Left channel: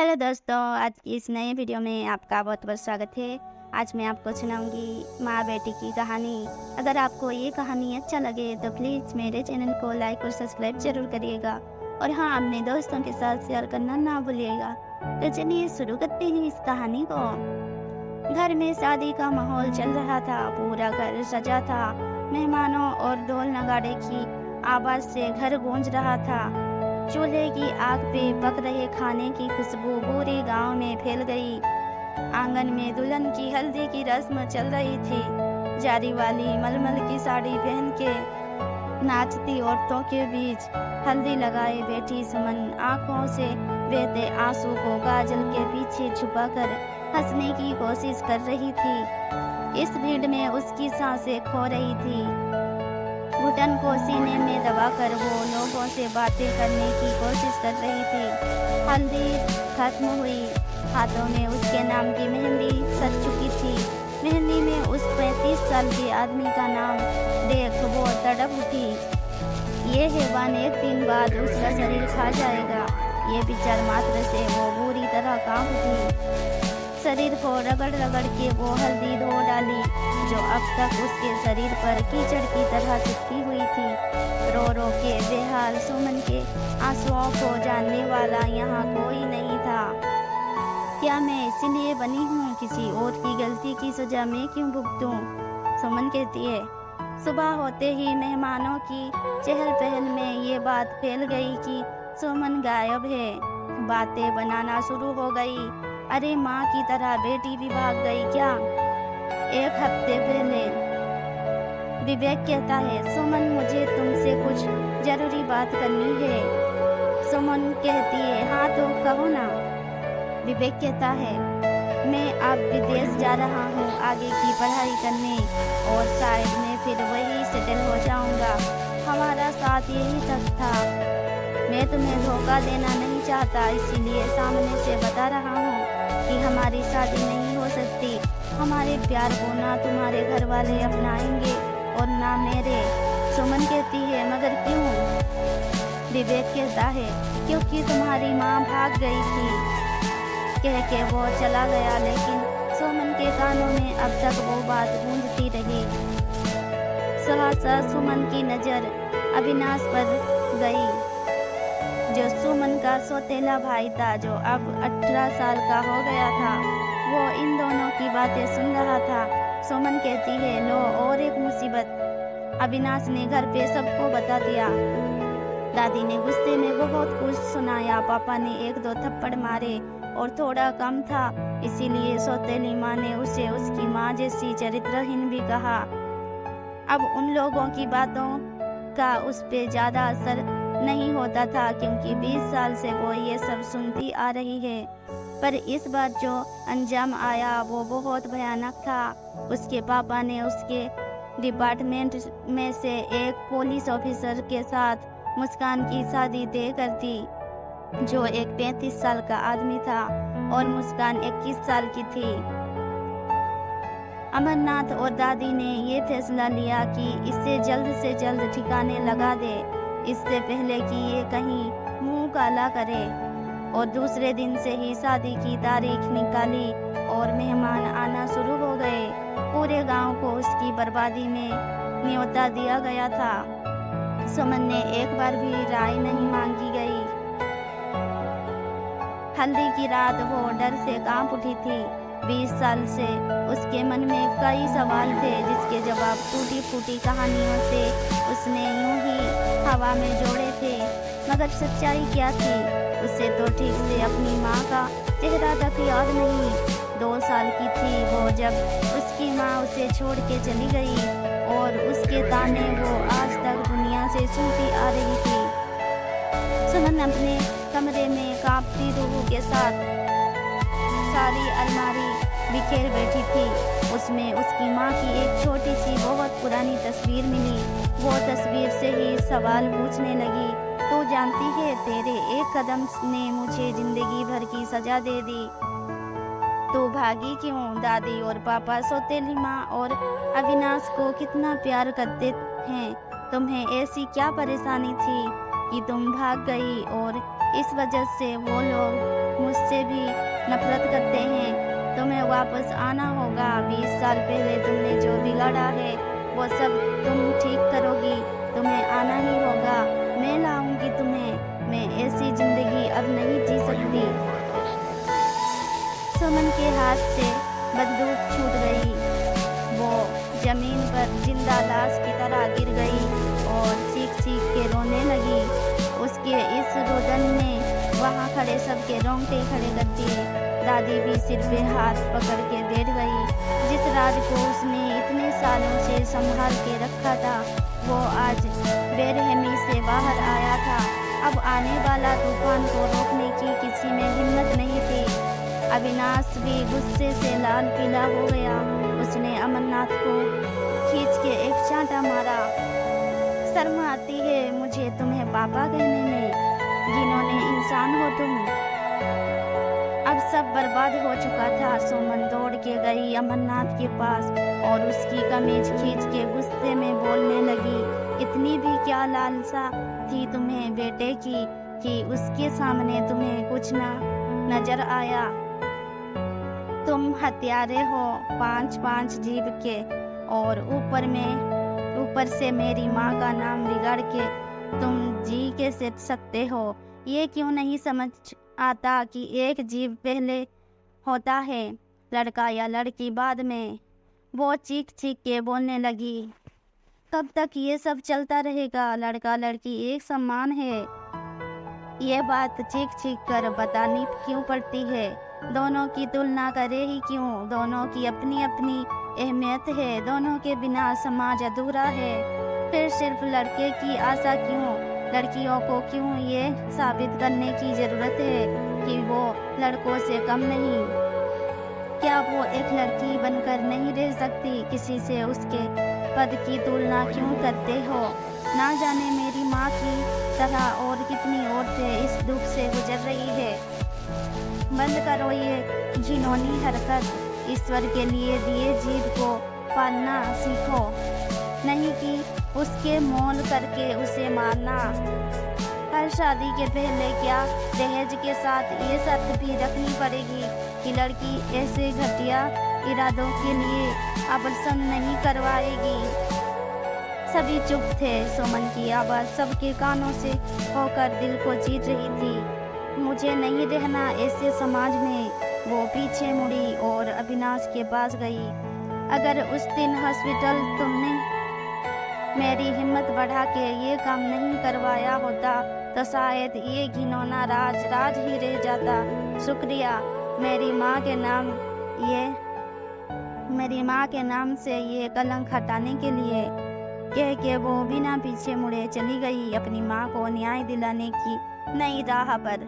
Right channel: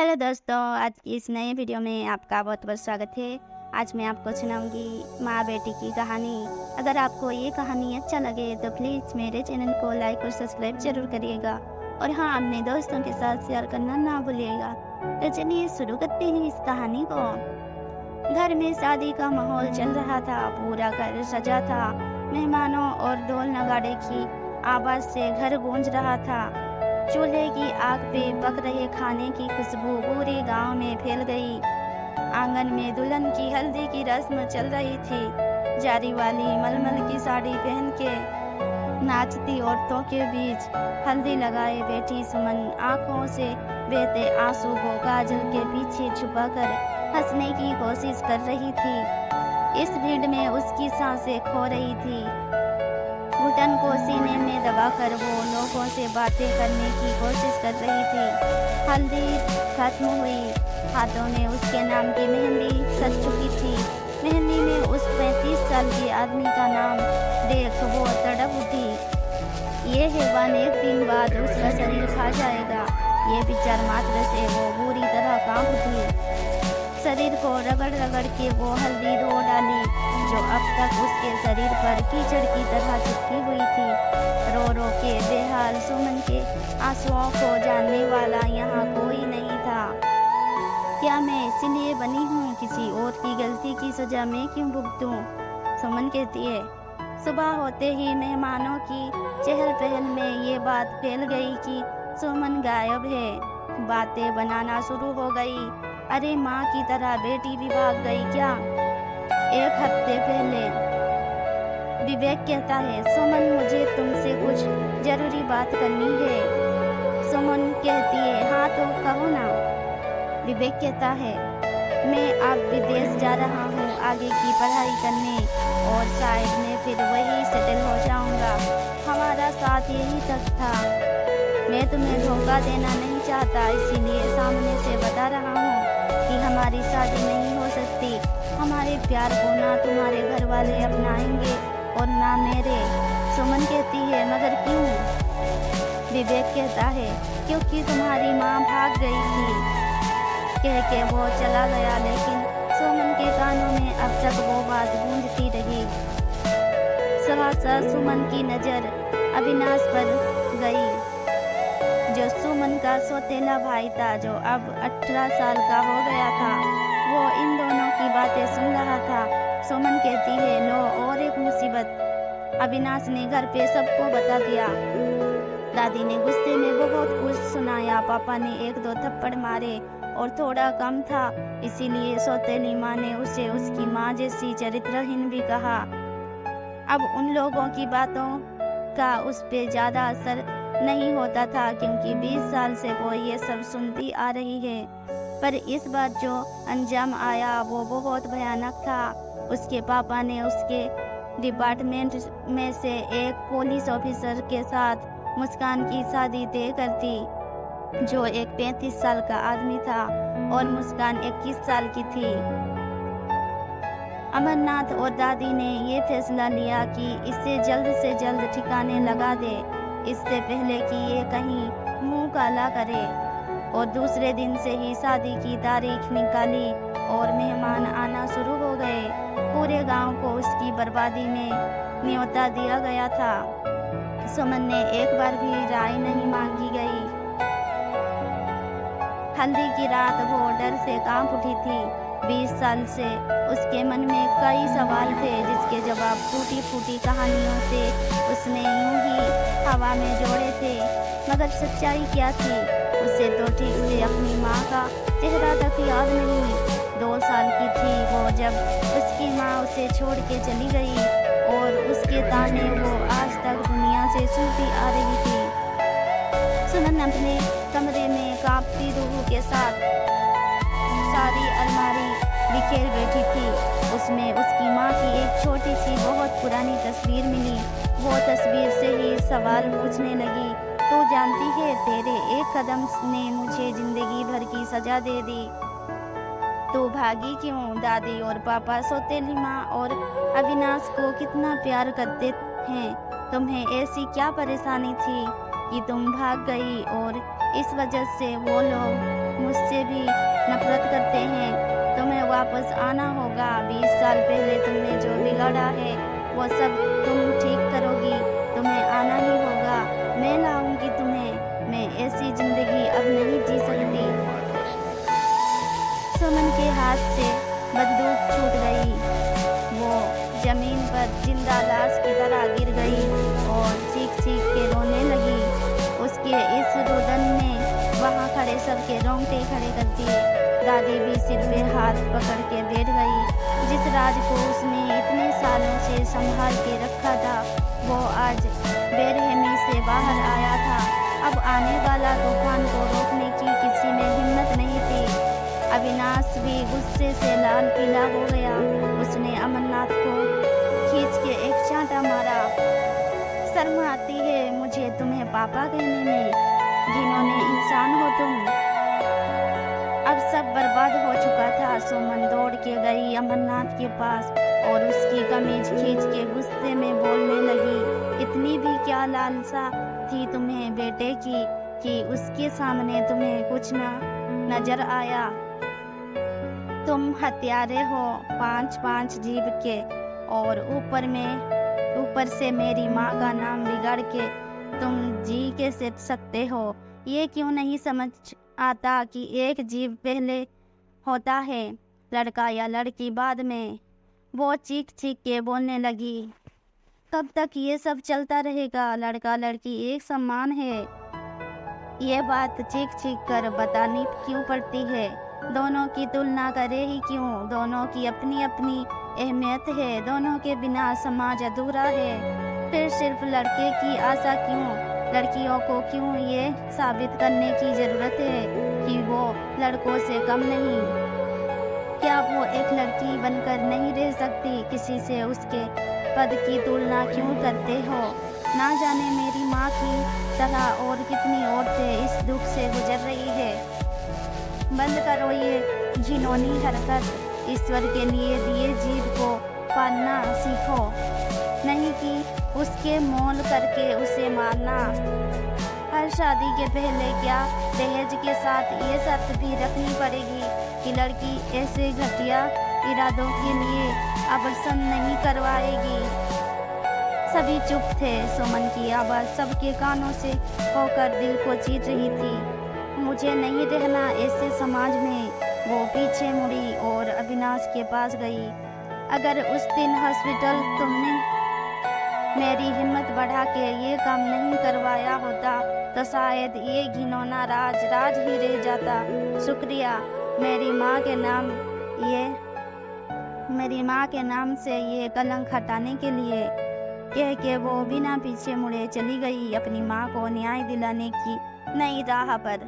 Hello दोस्तों, आज की इस नए वीडियो में आपका बहुत बहुत स्वागत है। आज मैं आपको सुनाऊंगी माँ बेटी की कहानी। अगर आपको ये कहानी अच्छा लगे तो प्लीज़ मेरे चैनल को लाइक और सब्सक्राइब जरूर करिएगा और हाँ, अपने दोस्तों के साथ शेयर करना ना भूलिएगा। तो चलिए शुरू करते हैं इस कहानी को। घर में शादी का माहौल चल रहा था। पूरा घर सजा था। मेहमानों और ढोल नगाड़े की आवाज़ से घर गूंज रहा था। चूल्हे की आग पे पक रहे खाने की खुशबू पूरे गांव में फैल गई। आंगन में दुल्हन की हल्दी की रस्म चल रही थी। जारी वाली मलमल की साड़ी पहन के नाचती औरतों के बीच हल्दी लगाए बैठी सुमन आंखों से बहते आंसू को काजल के पीछे छुपाकर हंसने की कोशिश कर रही थी। इस भीड़ में उसकी सांसें खो रही थी। घुटन को सीने में दबाकर वो लोगों से बातें करने की कोशिश कर रही थी। हल्दी खत्म हुई। हाथों में उसके नाम की मेहंदी सज चुकी थी। मेहंदी में उस 35 साल के आदमी का नाम देख वो तड़प उठी। ये हैवान एक दिन बाद उसका शरीर खा जाएगा। ये विचार मात्र से वो बुरी तरह कांप उठी। शरीर को रगड़ रगड़ के वो हल्दी धो डाली जो अब तक उसके शरीर पर कीचड़ की तरह चिपकी हुई थी। रो रो के बेहाल सुमन के आंसुओं को जानने वाला यहाँ कोई नहीं था। क्या मैं इसीलिए बनी हूँ? किसी और की गलती की सजा मैं क्यों भुगतूं? सुमन कहती है। सुबह होते ही मेहमानों की चहल पहल में ये बात फैल गई कि सुमन गायब है। बातें बनाना शुरू हो गई। अरे माँ की तरह बेटी भी भाग गई क्या? एक हफ्ते पहले विवेक कहता है, सुमन मुझे तुमसे कुछ जरूरी बात करनी है। सुमन कहती है, हाँ तो कहो ना। विवेक कहता है, मैं अब विदेश जा रहा हूँ आगे की पढ़ाई करने और शायद मैं फिर वही सेटल हो जाऊँगा। हमारा साथ यही तक था। मैं तुम्हें धोखा देना नहीं चाहता, इसीलिए सामने से बता रहा हूँ कि हमारी शादी नहीं हो सकती। हमारे प्यार को ना तुम्हारे घर वाले अपनाएंगे और ना मेरे। सुमन कहती है, मगर क्यों? विवेक कहता है, क्योंकि तुम्हारी माँ भाग गई थी। कह के वो चला गया, लेकिन सुमन के कानों में अब तक वो बात गूंजती रही। सहसा सुमन की नज़र अविनाश पर गई, जो सुमन का सौतेला भाई था, जो अब 18 साल का हो गया था। वो इन दोनों की बातें सुन रहा था। सुमन कहती है, लो और एक मुसीबत। अविनाश ने घर पे सबको बता दिया। दादी ने गुस्से में बहुत कुछ सुनाया। पापा ने 1-2 थप्पड़ मारे और थोड़ा कम था, इसीलिए सौतेली माँ ने उसे उसकी माँ जैसी चरित्रहीन भी कहा। अब उन लोगों की बातों का उस पे ज़्यादा असर नहीं होता था, क्योंकि 20 साल से वो ये सब सुनती आ रही है। पर इस बार जो अंजाम आया वो बहुत भयानक था। उसके पापा ने उसके डिपार्टमेंट में से एक पुलिस ऑफिसर के साथ मुस्कान की शादी तय कर दी, जो एक 35 साल का आदमी था और मुस्कान 21 साल की थी। अमरनाथ और दादी ने ये फैसला लिया कि इसे जल्द से जल्द ठिकाने लगा दे, इससे पहले कि ये कहीं मुंह काला करे। और दूसरे दिन से ही शादी की तारीख निकाली और मेहमान आना शुरू हो गए। पूरे गांव को उसकी बर्बादी में न्योता दिया गया था। सुमन ने एक बार भी राय नहीं मांगी गई। हल्दी की रात वो डर से कांप उठी थी। 20 साल से उसके मन में कई सवाल थे, जिसके जवाब टूटी फूटी कहानियों से उसने यूं ही हवा में जोड़े थे। मगर सच्चाई क्या थी? उसे तो ठीक से अपनी माँ का चेहरा तक याद नहीं। 2 साल की थी वो जब उसकी माँ उसे छोड़ के चली गई और उसके ताने वो आज तक दुनिया से सुनती आ रही थी। सुमन अपने कमरे में कांपती रूह के साथ सारी अलमारी बिखेर बैठी थी। उसमें उसकी माँ की एक छोटी सी बहुत पुरानी तस्वीर मिली। वो तस्वीर से ही सवाल पूछने लगी, तू जानती है, तेरे एक कदम ने मुझे जिंदगी भर की सजा दे दी। तू भागी क्यों? दादी और पापा सौतेली माँ और अविनाश को कितना प्यार करते हैं। तुम्हें ऐसी क्या परेशानी थी कि तुम भाग गई और इस वजह से वो लोग मुझसे भी नफरत करते हैं। तुम्हें वापस आना होगा। 20 साल पहले तुमने जो बिगाड़ा है वो सब तुम ठीक करोगी। तुम्हें आना ही होगा। मैं लाऊंगी तुम्हें। मैं ऐसी जिंदगी अब नहीं जी सकती। सुमन के हाथ से बंदूक छूट गई। वो जमीन पर जिंदा लाश की तरह गिर गई और चीख चीख के रोने लगी। उसके इस रुदन ने वहाँ खड़े सबके रोंगटे खड़े कर दिए। दादी भी सिर पे हाथ पकड़ के बैठ गई। जिस राज को उसने इतने सालों से संभाल के रखा था वो आज बेरहमी से बाहर आया था। अब आने वाला तूफान को रोकने की किसी में हिम्मत नहीं थी। अविनाश भी गुस्से से लाल पीला हो गया। उसने अमरनाथ को खींच के एक चांटा मारा। शर्म आती है मुझे तुम्हें पापा कहने में। जिन्होंने इंसान हो तुम। अब सब बर्बाद हो चुका था। सुमन दौड़ के गई अमरनाथ के पास और उसकी कमीज खींच के गुस्से में बोलने लगी, इतनी भी क्या लालसा थी तुम्हें बेटे की कि उसके सामने तुम्हें कुछ ना नजर आया। तुम हत्यारे हो 5-5 जीव के और ऊपर से मेरी माँ का नाम बिगाड़ के तुम जी के सकते हो। ये क्यों नहीं समझ आता कि एक जीव पहले होता है, लड़का या लड़की बाद में। वो चीख चीख के बोलने लगी, कब तक ये सब चलता रहेगा? लड़का लड़की एक समान है। ये बात चीख चीख कर बतानी क्यों पड़ती है? दोनों की तुलना करे ही क्यों? दोनों की अपनी अपनी अहमियत है। दोनों के बिना समाज अधूरा है। फिर सिर्फ लड़के की आशा क्यों? लड़कियों को क्यों ये साबित करने की ज़रूरत है कि वो लड़कों से कम नहीं? क्या वो एक लड़की बनकर नहीं रह सकती? किसी से उसके पद की तुलना क्यों करते हो? ना जाने मेरी माँ की तरह और कितनी औरतें इस दुख से गुजर रही है। बंद करो ये घिनौनी हरकत। ईश्वर के लिए दिए जीव को पालना सीखो, नहीं कि उसके मोल करके उसे मारना। हर शादी के पहले क्या दहेज के साथ ये शर्त भी रखनी पड़ेगी कि लड़की ऐसे घटिया इरादों के लिए आभूषण नहीं करवाएगी। सभी चुप थे। सुमन की आवाज़ सबके कानों से होकर दिल को चीर रही थी। मुझे नहीं रहना ऐसे समाज में। वो पीछे मुड़ी और अविनाश के पास गई। अगर उस दिन हॉस्पिटल तुमने मेरी हिम्मत बढ़ा के ये काम नहीं करवाया होता तो शायद ये घिनौना राज ही रह जाता। शुक्रिया मेरी माँ के नाम से ये कलंक हटाने के लिए, कह के वो बिना पीछे मुड़े चली गई अपनी माँ को न्याय दिलाने की नई राह पर।